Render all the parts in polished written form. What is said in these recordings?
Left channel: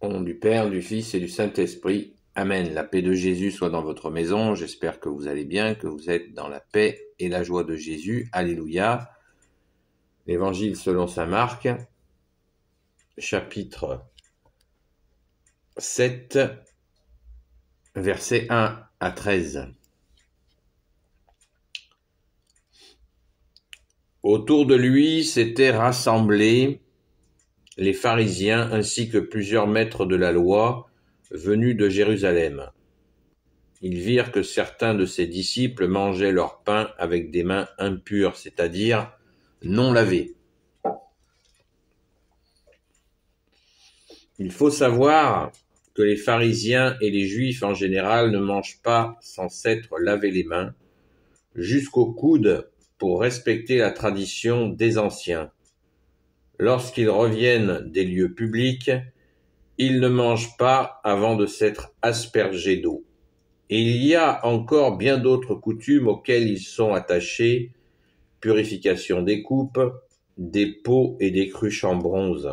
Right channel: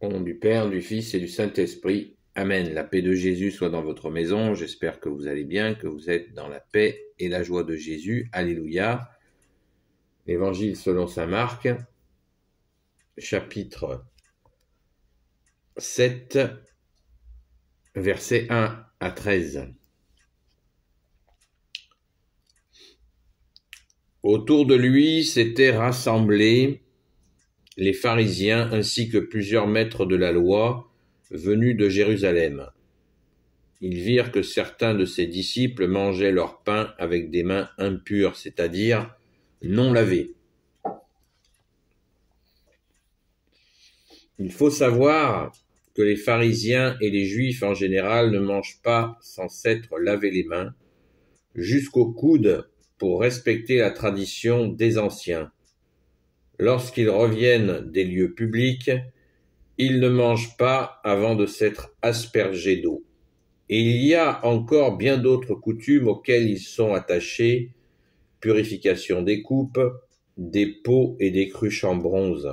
Au nom du Père, du Fils et du Saint-Esprit. Amen. La paix de Jésus soit dans votre maison. J'espère que vous allez bien, que vous êtes dans la paix et la joie de Jésus. Alléluia. Évangile selon saint Marc, chapitre 7, versets 1 à 13. Autour de lui s'étaient rassemblés les pharisiens ainsi que plusieurs maîtres de la loi venus de Jérusalem. Ils virent que certains de ses disciples mangeaient leur pain avec des mains impures, c'est-à-dire non lavées. Il faut savoir que les pharisiens et les juifs en général ne mangent pas sans s'être lavé les mains jusqu'au coude pour respecter la tradition des anciens. Lorsqu'ils reviennent des lieux publics, ils ne mangent pas avant de s'être aspergés d'eau. Et il y a encore bien d'autres coutumes auxquelles ils sont attachés, purification des coupes, des pots et des cruches en bronze.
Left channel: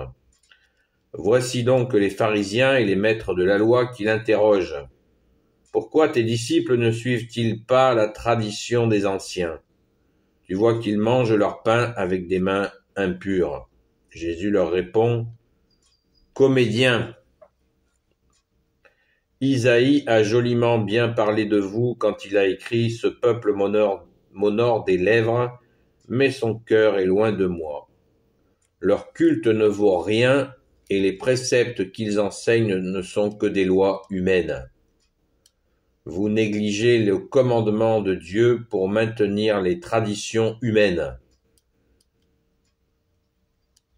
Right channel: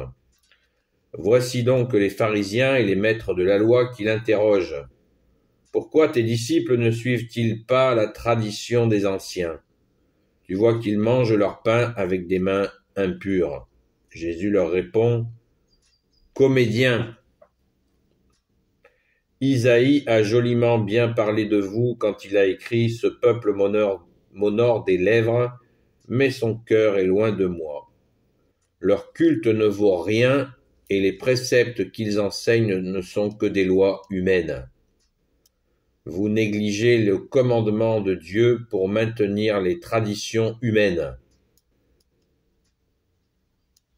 Voici donc les pharisiens et les maîtres de la loi qui l'interrogent. Pourquoi tes disciples ne suivent-ils pas la tradition des anciens? Tu vois qu'ils mangent leur pain avec des mains impures. Jésus leur répond, Comédiens, Isaïe a joliment bien parlé de vous quand il a écrit « Ce peuple m'honore des lèvres, mais son cœur est loin de moi. Leur culte ne vaut rien et les préceptes qu'ils enseignent ne sont que des lois humaines. Vous négligez le commandement de Dieu pour maintenir les traditions humaines. »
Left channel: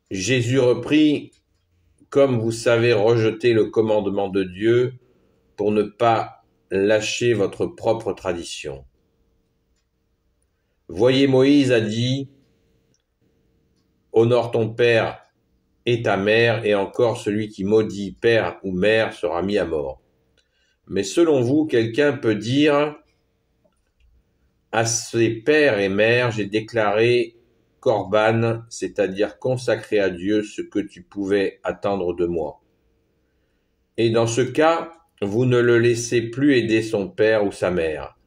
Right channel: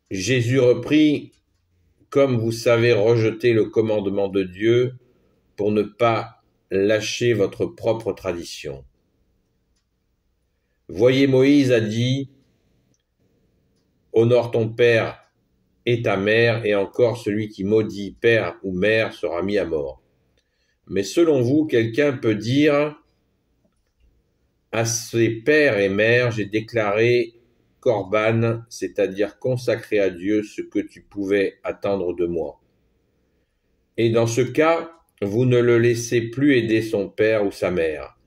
Jésus reprit, « Comme vous savez rejeter le commandement de Dieu pour ne pas lâcher votre propre tradition. Voyez, Moïse a dit, « Honore ton père et ta mère, et encore celui qui maudit père ou mère sera mis à mort. » Mais selon vous, quelqu'un peut dire, « À ses pères et mères, j'ai déclaré Corban, c'est-à-dire consacrer à Dieu ce que tu pouvais attendre de moi. » Et dans ce cas, vous ne le laissez plus aider son père ou sa mère.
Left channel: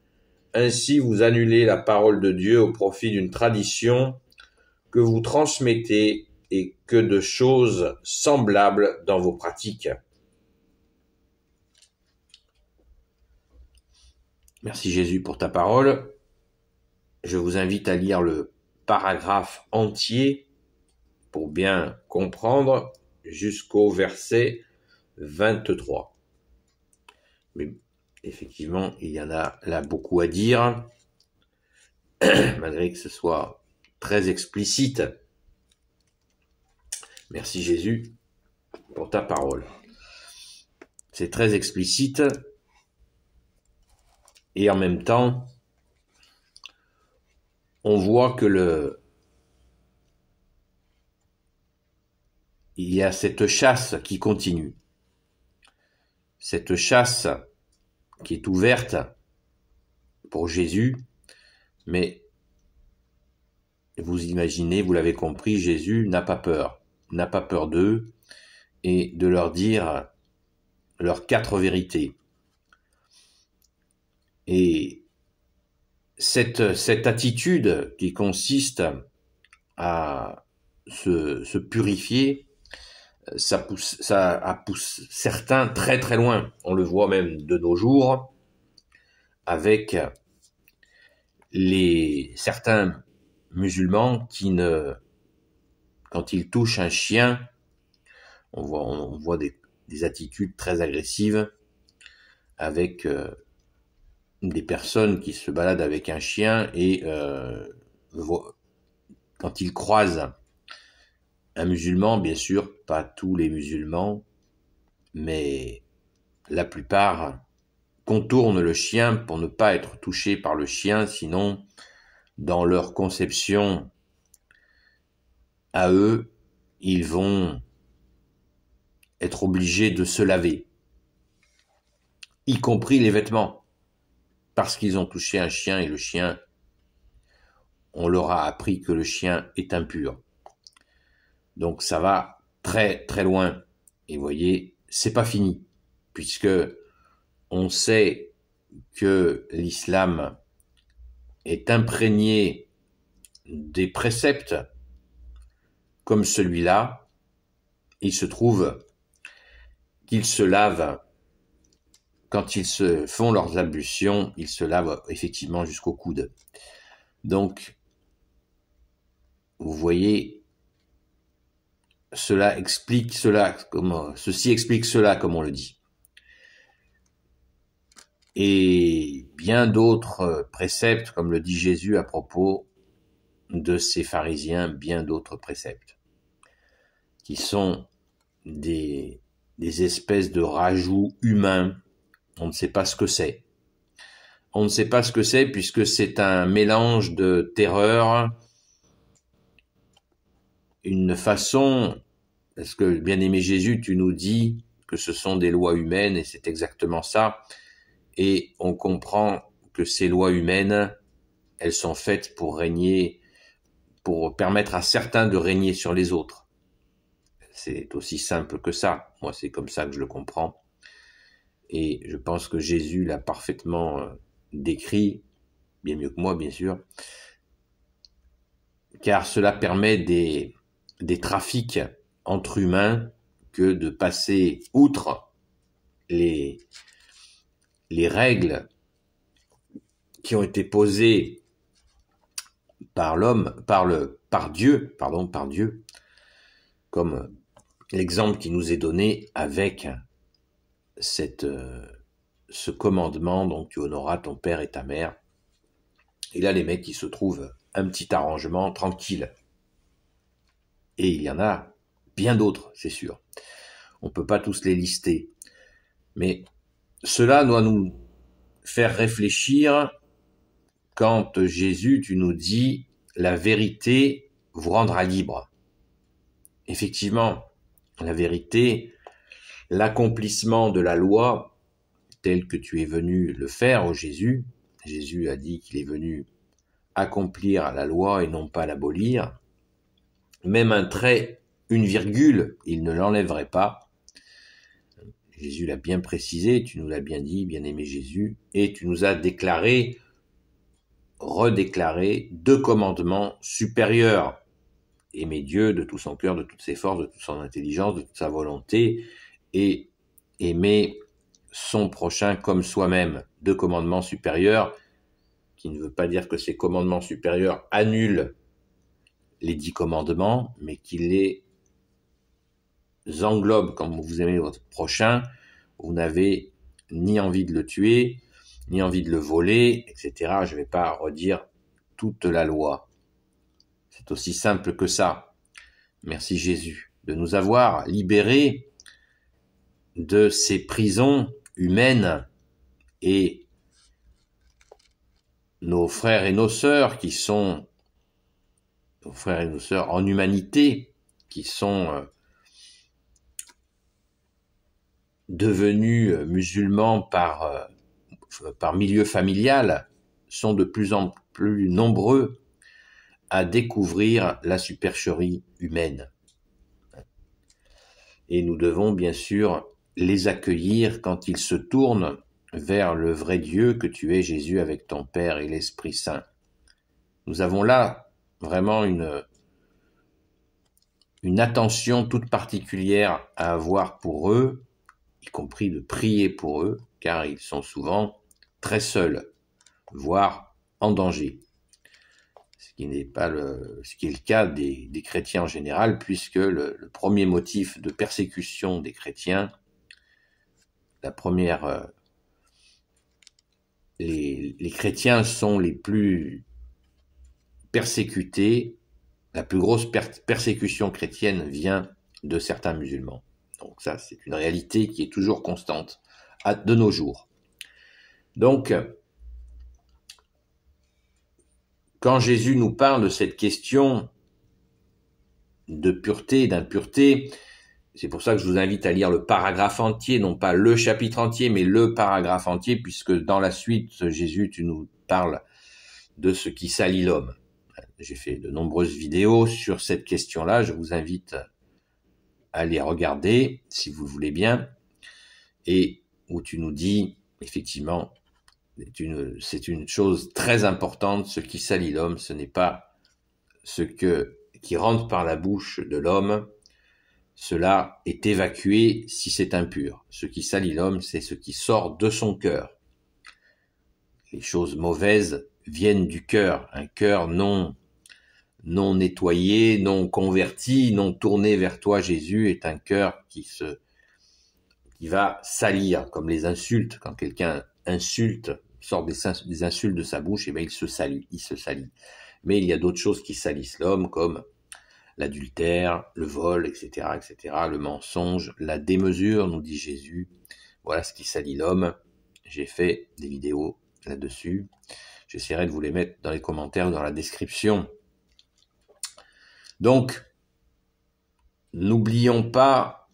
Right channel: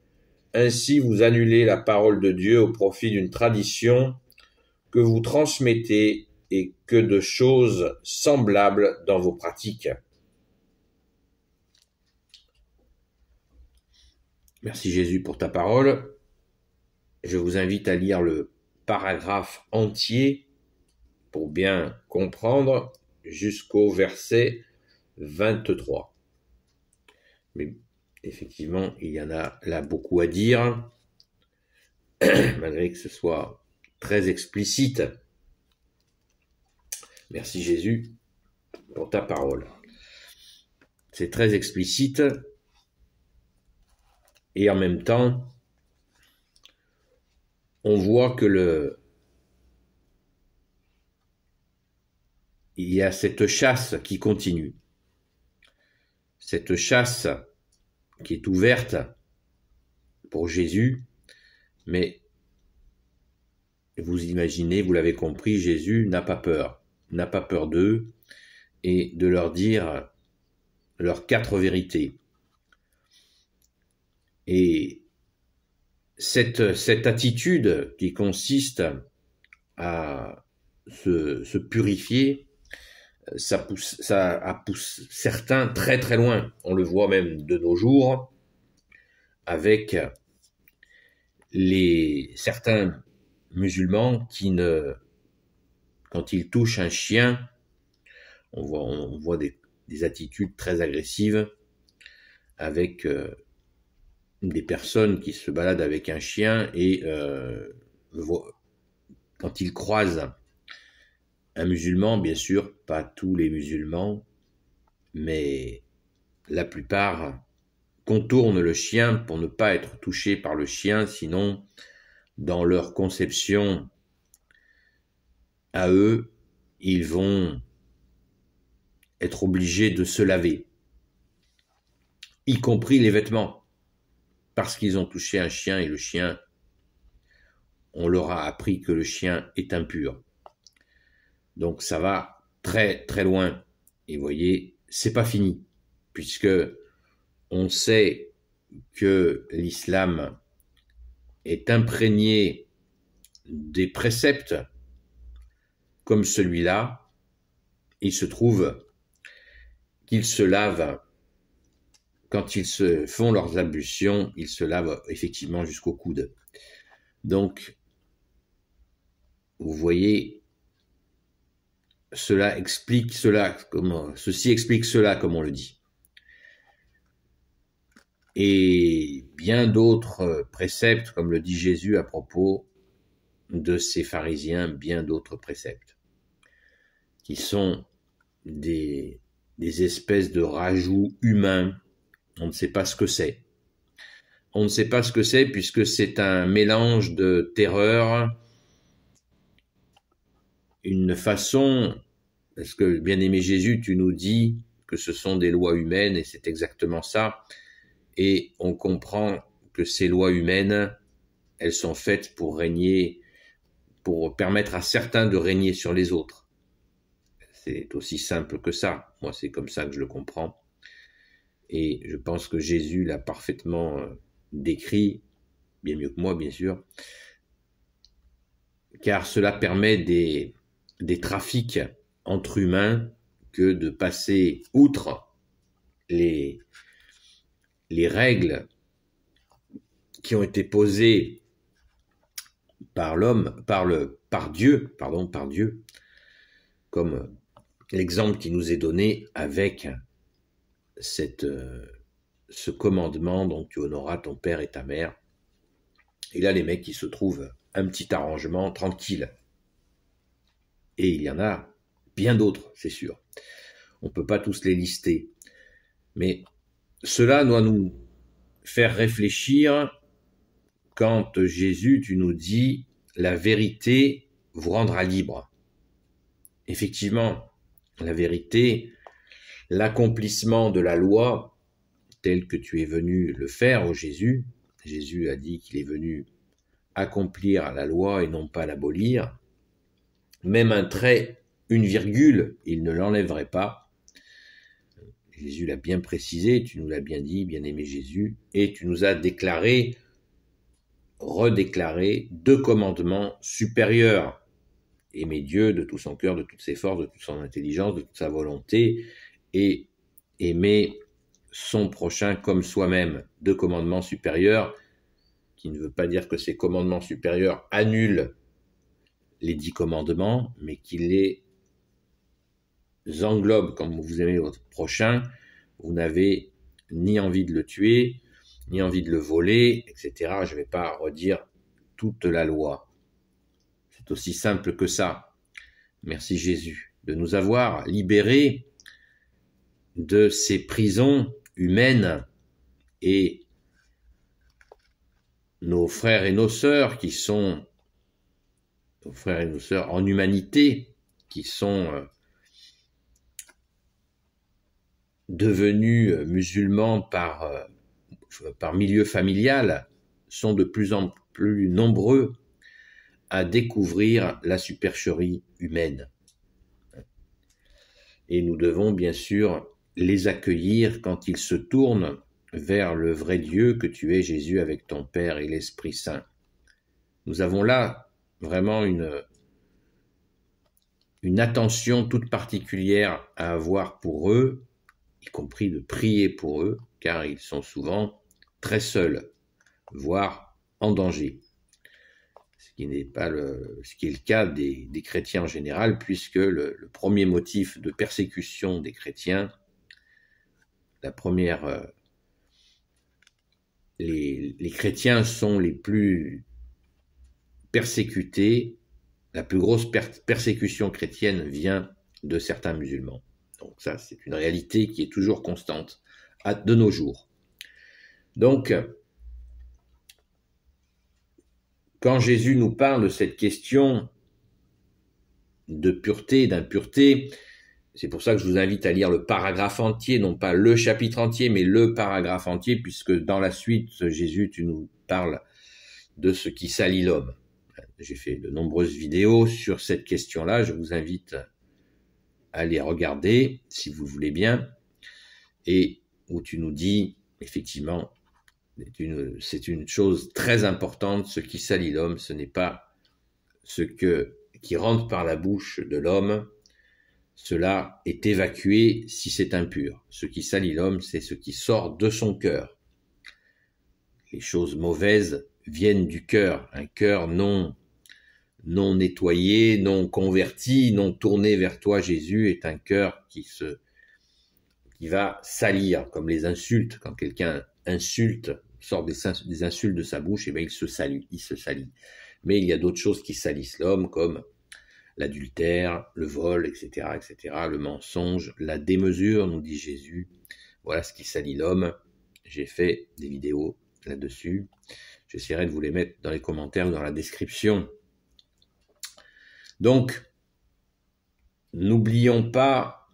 Ainsi, vous annulez la parole de Dieu au profit d'une tradition que vous transmettez et que de choses semblables dans vos pratiques. Merci Jésus pour ta parole. Je vous invite à lire le paragraphe entier pour bien comprendre jusqu'au verset 23. Mais effectivement, il y en a là beaucoup à dire, malgré que ce soit très explicite. Merci Jésus pour ta parole. C'est très explicite et en même temps, on voit que il y a cette chasse qui continue. Cette chasse qui est ouverte pour Jésus, mais vous imaginez, vous l'avez compris, Jésus n'a pas peur d'eux et de leur dire leurs 4 vérités. Et cette attitude qui consiste à se purifier, ça pousse certains très très loin. On le voit même de nos jours avec certains musulmans qui quand ils touchent un chien, on voit des attitudes très agressives avec des personnes qui se baladent avec un chien et quand ils croisent un musulman, bien sûr, pas tous les musulmans, mais la plupart contournent le chien pour ne pas être touchés par le chien, sinon, dans leur conception à eux, ils vont être obligés de se laver, y compris les vêtements, parce qu'ils ont touché un chien et le chien, on leur a appris que le chien est impur. Donc ça va très très loin. Et vous voyez, c'est pas fini, puisque on sait que l'islam est imprégné des préceptes comme celui-là. Il se trouve qu'ils se lavent, quand ils se font leurs ablutions, ils se lavent effectivement jusqu'au coude. Donc, vous voyez, ceci explique cela, comme on le dit. Et bien d'autres préceptes, comme le dit Jésus à propos de ces pharisiens, bien d'autres préceptes, qui sont des espèces de rajouts humains. On ne sait pas ce que c'est. On ne sait pas ce que c'est puisque c'est un mélange de terreur, une façon, parce que bien-aimé Jésus, tu nous dis que ce sont des lois humaines et c'est exactement ça. Et on comprend que ces lois humaines, elles sont faites pour régner, pour permettre à certains de régner sur les autres. C'est aussi simple que ça. Moi, c'est comme ça que je le comprends. Et je pense que Jésus l'a parfaitement décrit, bien mieux que moi, bien sûr, car cela permet des trafics entre humains que de passer outre les règles qui ont été posées par Dieu, comme l'exemple qui nous est donné avec ce commandement, donc tu honoreras ton père et ta mère. Et là, les mecs, ils se trouvent un petit arrangement tranquille. Et il y en a bien d'autres, c'est sûr. On ne peut pas tous les lister. Mais cela doit nous faire réfléchir quand Jésus, tu nous dis, la vérité vous rendra libre. Effectivement, la vérité, l'accomplissement de la loi, tel que tu es venu le faire, ô Jésus. Jésus a dit qu'il est venu accomplir la loi et non pas l'abolir. Même un trait, une virgule, il ne l'enlèverait pas. Jésus l'a bien précisé, tu nous l'as bien dit, bien-aimé Jésus, et tu nous as redéclaré 2 commandements supérieurs. Aimer Dieu de tout son cœur, de toutes ses forces, de toute son intelligence, de toute sa volonté, et aimer son prochain comme soi-même. 2 commandements supérieurs, qui ne veut pas dire que ces commandements supérieurs annulent les 10 commandements, mais qui les englobe. Comme vous aimez votre prochain, vous n'avez ni envie de le tuer, ni envie de le voler, etc. Je ne vais pas redire toute la loi. C'est aussi simple que ça. Merci Jésus de nous avoir libérés de ces prisons humaines, et nos frères et nos sœurs qui sont nos frères et nos sœurs en humanité, qui sont devenus musulmans par milieu familial, sont de plus en plus nombreux à découvrir la supercherie humaine. Et nous devons bien sûr les accueillir quand ils se tournent vers le vrai Dieu que tu es, Jésus, avec ton Père et l'Esprit Saint. Nous avons là vraiment une attention toute particulière à avoir pour eux, y compris de prier pour eux, car ils sont souvent très seuls, voire en danger. Ce qui est le cas des chrétiens en général, puisque le premier motif de persécution des chrétiens, les chrétiens sont les plus persécutés. La plus grosse persécution chrétienne vient de certains musulmans. Donc ça, c'est une réalité qui est toujours constante de nos jours. Donc, quand Jésus nous parle de cette question de pureté, d'impureté, c'est pour ça que je vous invite à lire le paragraphe entier, non pas le chapitre entier, mais le paragraphe entier, puisque dans la suite, Jésus, tu nous parles de ce qui salit l'homme. J'ai fait de nombreuses vidéos sur cette question-là, je vous invite à les regarder, si vous le voulez bien. et où tu nous dis, effectivement, c'est une chose très importante, ce qui salit l'homme, ce n'est pas ce qui rentre par la bouche de l'homme, cela est évacué si c'est impur. Ce qui salit l'homme, c'est ce qui sort de son cœur. Les choses mauvaises viennent du cœur, un cœur non nettoyé, non converti, non tourné vers toi, Jésus, est un cœur qui va salir, comme les insultes. Quand quelqu'un insulte, sort des insultes de sa bouche, et bien il se salit. Mais il y a d'autres choses qui salissent l'homme, comme l'adultère, le vol, etc., le mensonge, la démesure, nous dit Jésus. Voilà ce qui salit l'homme. J'ai fait des vidéos là-dessus. J'essaierai de vous les mettre dans les commentaires ou dans la description. Donc, n'oublions pas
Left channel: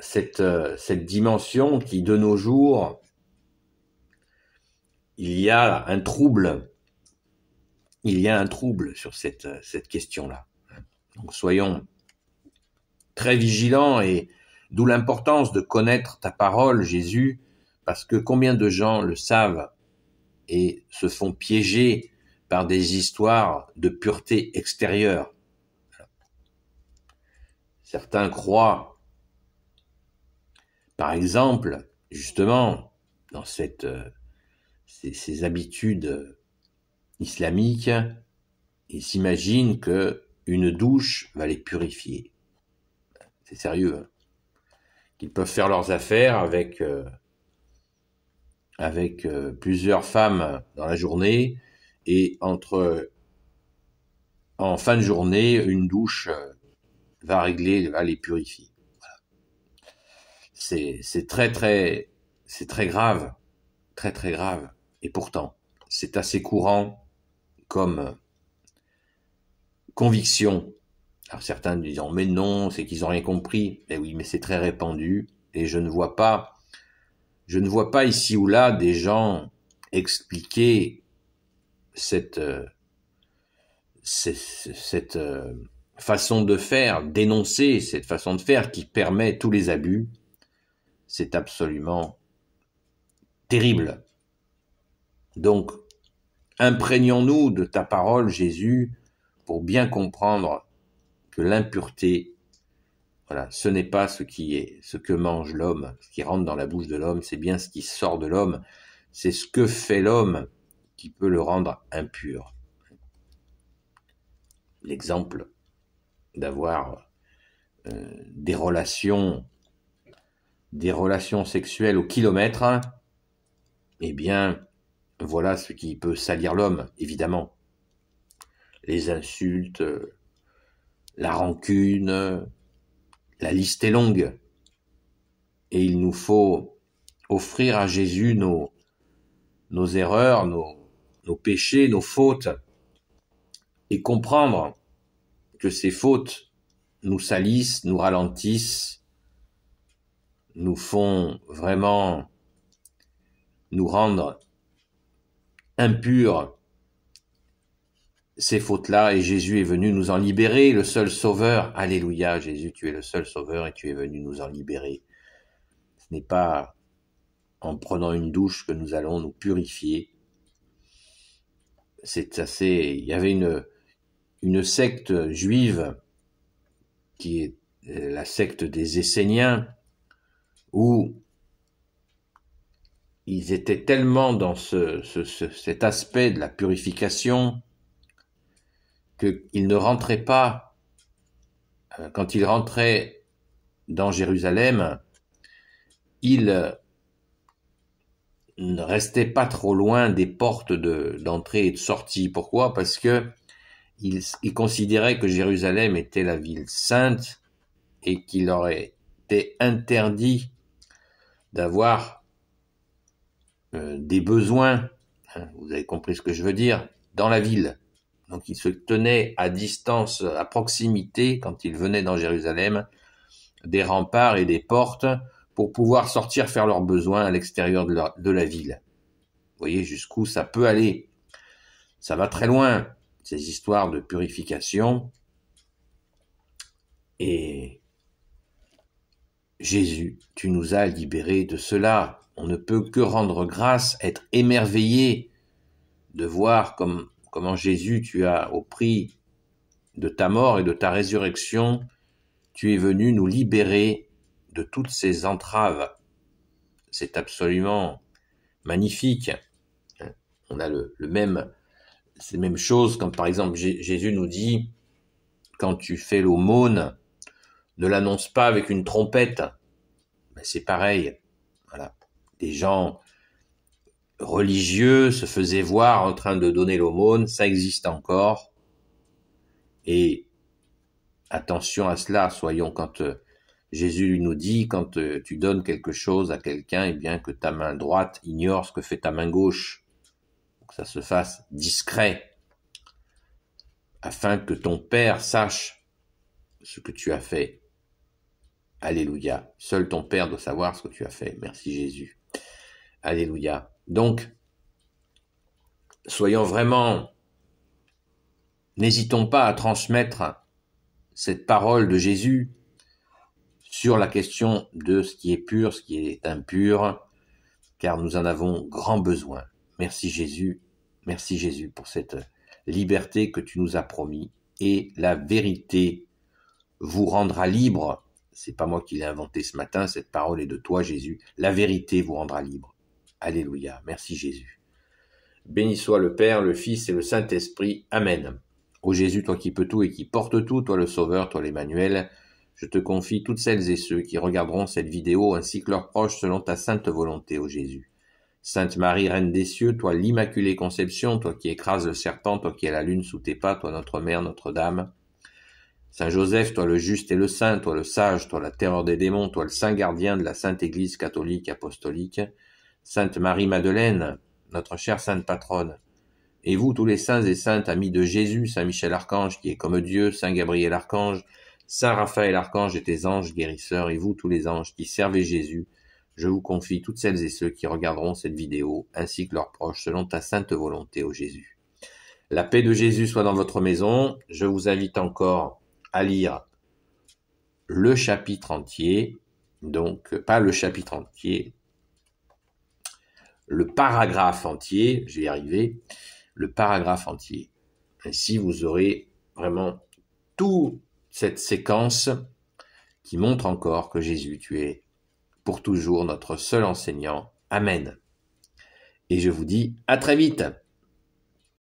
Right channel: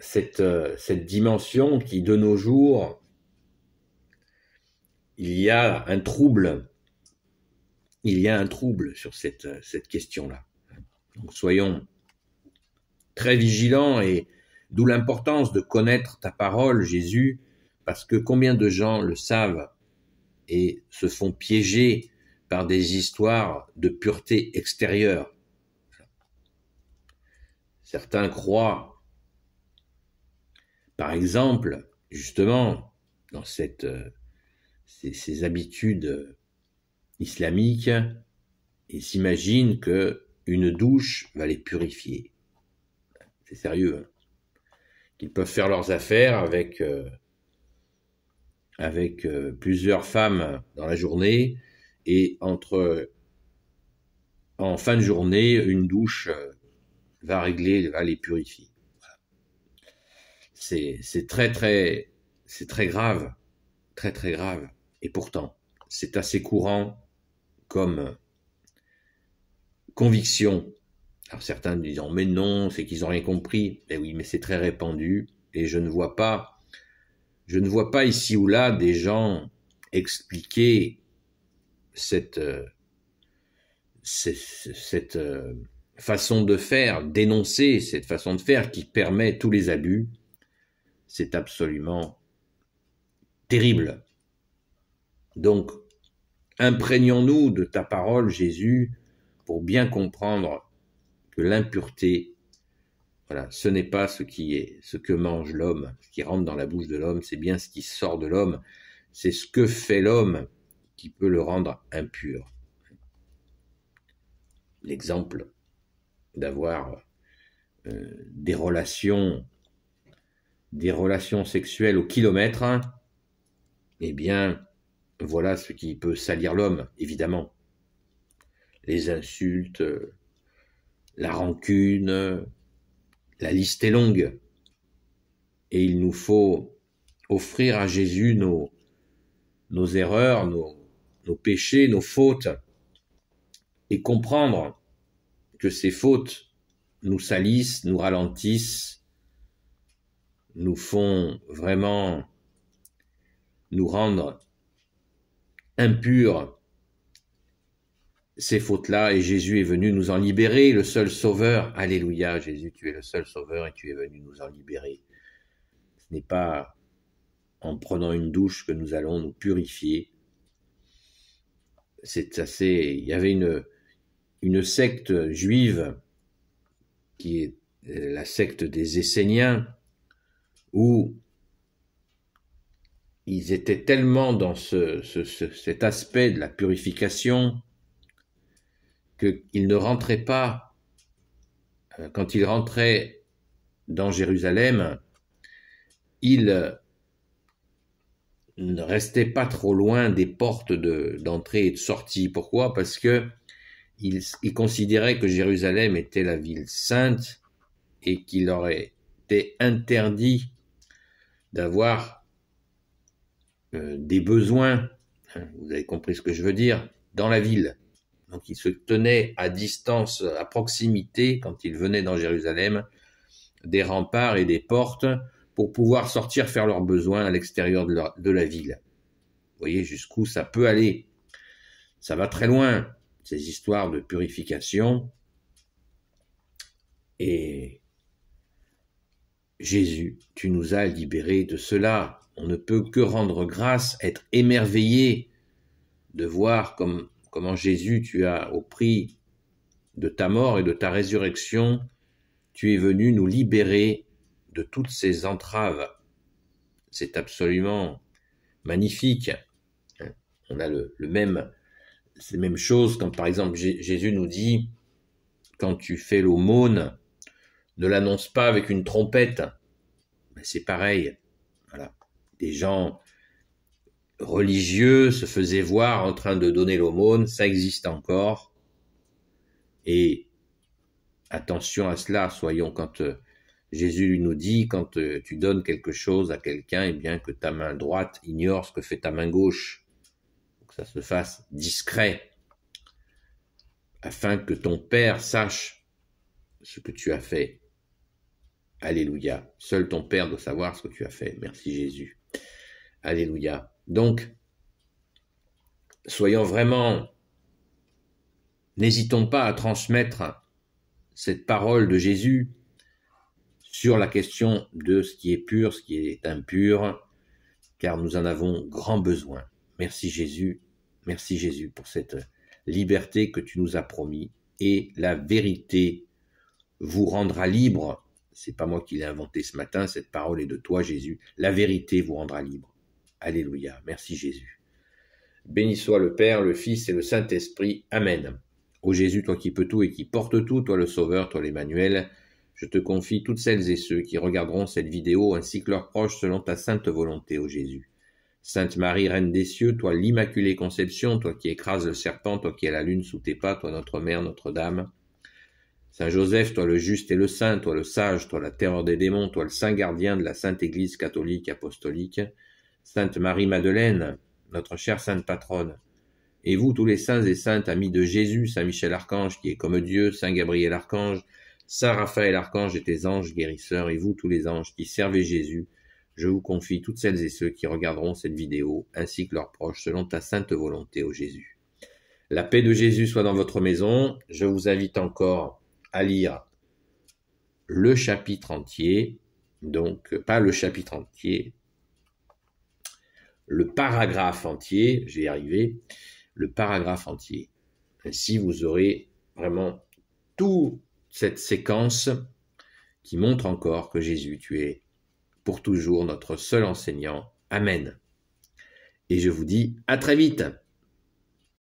cette dimension qui, de nos jours, il y a un trouble sur cette question-là. Donc, soyons très vigilants, et d'où l'importance de connaître ta parole, Jésus, parce que combien de gens le savent et se font piéger par des histoires de pureté extérieure. Certains croient, par exemple, justement, dans ces habitudes islamiques, et s'imaginent qu'une douche va les purifier. C'est sérieux, hein. Qu'ils peuvent faire leurs affaires avec plusieurs femmes dans la journée, et en fin de journée, une douche va les purifier. Voilà. C'est très grave, très très grave. Et pourtant, c'est assez courant comme conviction. Alors certains disent mais non, c'est qu'ils n'ont rien compris. Eh oui, mais c'est très répandu, et je ne vois pas ici ou là des gens expliquer cette façon de faire, dénoncer cette façon de faire qui permet tous les abus. C'est absolument terrible. Donc, imprégnons-nous de ta parole, Jésus, pour bien comprendre que l'impureté, voilà, ce n'est pas ce que mange l'homme, ce qui rentre dans la bouche de l'homme, c'est bien ce qui sort de l'homme, c'est ce que fait l'homme qui peut le rendre impur. L'exemple d'avoir des relations sexuelles au kilomètre, hein, eh bien, voilà ce qui peut salir l'homme, évidemment. Les insultes, la rancune, la liste est longue. Et il nous faut offrir à Jésus nos erreurs, nos péchés, nos fautes, et comprendre que ces fautes nous salissent, nous ralentissent, nous font vraiment nous rendre impurs, ces fautes-là, et Jésus est venu nous en libérer, le seul sauveur. Alléluia, Jésus, tu es le seul sauveur et tu es venu nous en libérer. Ce n'est pas en prenant une douche que nous allons nous purifier. Il y avait une secte juive qui est la secte des Esséniens, où ils étaient tellement dans cet aspect de la purification qu'ils ne rentraient pas, quand ils rentraient dans Jérusalem, ils ne restaient pas trop loin des portes d'entrée et de sortie. Pourquoi ? Parce que ils considéraient que Jérusalem était la ville sainte et qu'il leur était interdit d'avoir des besoins, hein, vous avez compris ce que je veux dire, dans la ville. Donc ils se tenaient à distance, à proximité, quand ils venaient dans Jérusalem, des remparts et des portes pour pouvoir sortir faire leurs besoins à l'extérieur de la ville. Vous voyez jusqu'où ça peut aller. Ça va très loin, ces histoires de purification. Et Jésus, tu nous as libérés de cela. On ne peut que rendre grâce, être émerveillé de voir comment Jésus, tu as, au prix de ta mort et de ta résurrection, tu es venu nous libérer de toutes ces entraves. C'est absolument magnifique. On a ces mêmes choses, comme par exemple Jésus nous dit, quand tu fais l'aumône, ne l'annonce pas avec une trompette. Ben, c'est pareil. Voilà. Des gens religieux se faisaient voir en train de donner l'aumône, ça existe encore. Et attention à cela, soyons quand Jésus nous dit, quand tu donnes quelque chose à quelqu'un, eh bien que ta main droite ignore ce que fait ta main gauche, que ça se fasse discret, afin que ton Père sache ce que tu as fait. Alléluia. Seul ton Père doit savoir ce que tu as fait. Merci Jésus. Alléluia. Donc, soyons vraiment, n'hésitons pas à transmettre cette parole de Jésus sur la question de ce qui est pur, ce qui est impur, car nous en avons grand besoin. Merci Jésus pour cette liberté que tu nous as promis, et la vérité vous rendra libre. C'est pas moi qui l'ai inventé ce matin, cette parole est de toi Jésus. La vérité vous rendra libre. Alléluia, merci Jésus. Béni soit le Père, le Fils et le Saint-Esprit. Amen. Ô Jésus, toi qui peux tout et qui portes tout, toi le Sauveur, toi l'Emmanuel, je te confie toutes celles et ceux qui regarderont cette vidéo ainsi que leurs proches selon ta sainte volonté, ô Jésus. Sainte Marie, Reine des cieux, toi l'Immaculée Conception, toi qui écrases le serpent, toi qui as la lune sous tes pas, toi notre Mère, Notre-Dame. Saint Joseph, toi le juste et le saint, toi le sage, toi la terreur des démons, toi le saint gardien de la Sainte Église catholique apostolique. Sainte Marie-Madeleine, notre chère sainte patronne. Et vous, tous les saints et saintes amis de Jésus, Saint Michel Archange, qui est comme Dieu, Saint Gabriel Archange, Saint Raphaël Archange et tes anges guérisseurs, et vous, tous les anges qui servez Jésus, je vous confie toutes celles et ceux qui regarderont cette vidéo, ainsi que leurs proches, selon ta sainte volonté, ô Jésus. La paix de Jésus soit dans votre maison. Je vous invite encore à lire le chapitre entier, donc pas le chapitre entier, le paragraphe entier, je vais y arriver, le paragraphe entier. Ainsi, vous aurez vraiment toute cette séquence qui montre encore que Jésus, tu es pour toujours notre seul enseignant. Amen. Et je vous dis à très vite.